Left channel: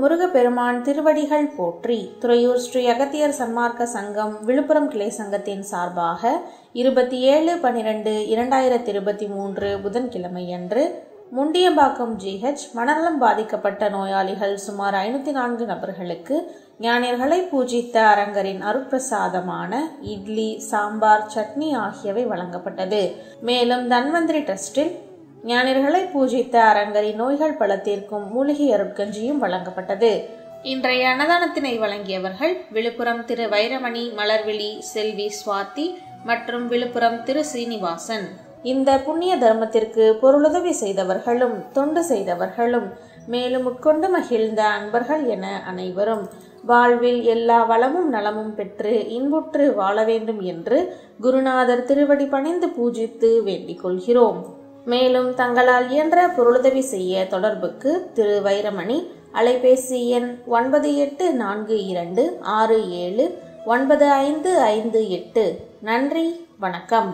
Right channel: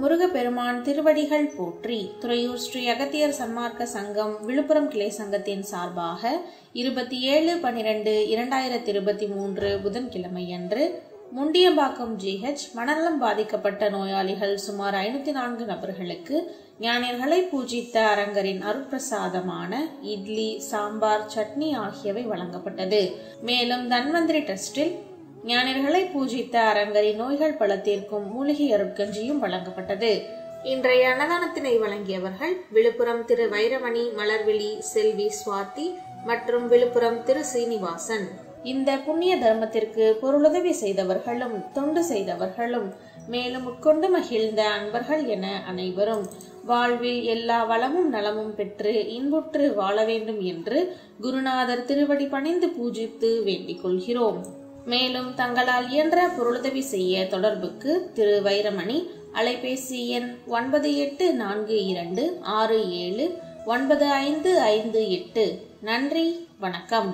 முருகப்பெருமான் திருவடிகள் போற்றி. துறையூர் ஸ்ரீ அகத்தியர் சன்மார்க்க சங்கம் விழுப்புரம் கிளை சங்கத்தின் சார்பாக 27/12/2023 புதன்கிழமையன்று முண்டியம்பாக்கம் GH மனநலம் பாதிக்கப்பட்ட நோயாளிகள் சுமார் 504 நபர்களுக்கு ஞானியர்களை பூஜித்த அரங்கரின் அருட்பிரசாதமான இட்லி, சாம்பார், சட்னி ஆகியவை வழங்கப்பட்டது. மேலும் தன்வந்திரி டிரஸ்டில் ஞானியர்களை பூஜித்த அரங்கரின் நோய்கள் பல தீர்க்கும் மூலிகை அருட்கஞ்சியும் வழங்கப்பட்டது. இன்றைய அன்னதானத்தினை வழங்கியவர்கள் விழுப்புரம் திரு வைரமணி, மலர்விழி, செல்வி சுவாதி மற்றும் விழுப்புரம் திரு சீனிவாசன். இந்த புண்ணிய தர்மத்திற்கு பொருளுதவி செய்தவர்களும் தொண்டு செய்தவர்களும் மேலும் உட்கொண்டு மகிழ்ந்த அன்பர்கள் என அனைவரும் வாழ்வில் எல்லா வளமும் நலமும் பெற்று இன்புற்று வாழ வேண்டும் என்று குருநாதர் திருவடி பணிந்து பூஜித்து வேண்டிக் கொள்கிறோம். மேலும் தங்களால் இயன்ற பொருளுதவி செய்ய தொடர்புக்கு திரு வைரமணி, அலைபேசி எண் 9842679558. நன்றி, வணக்கம்.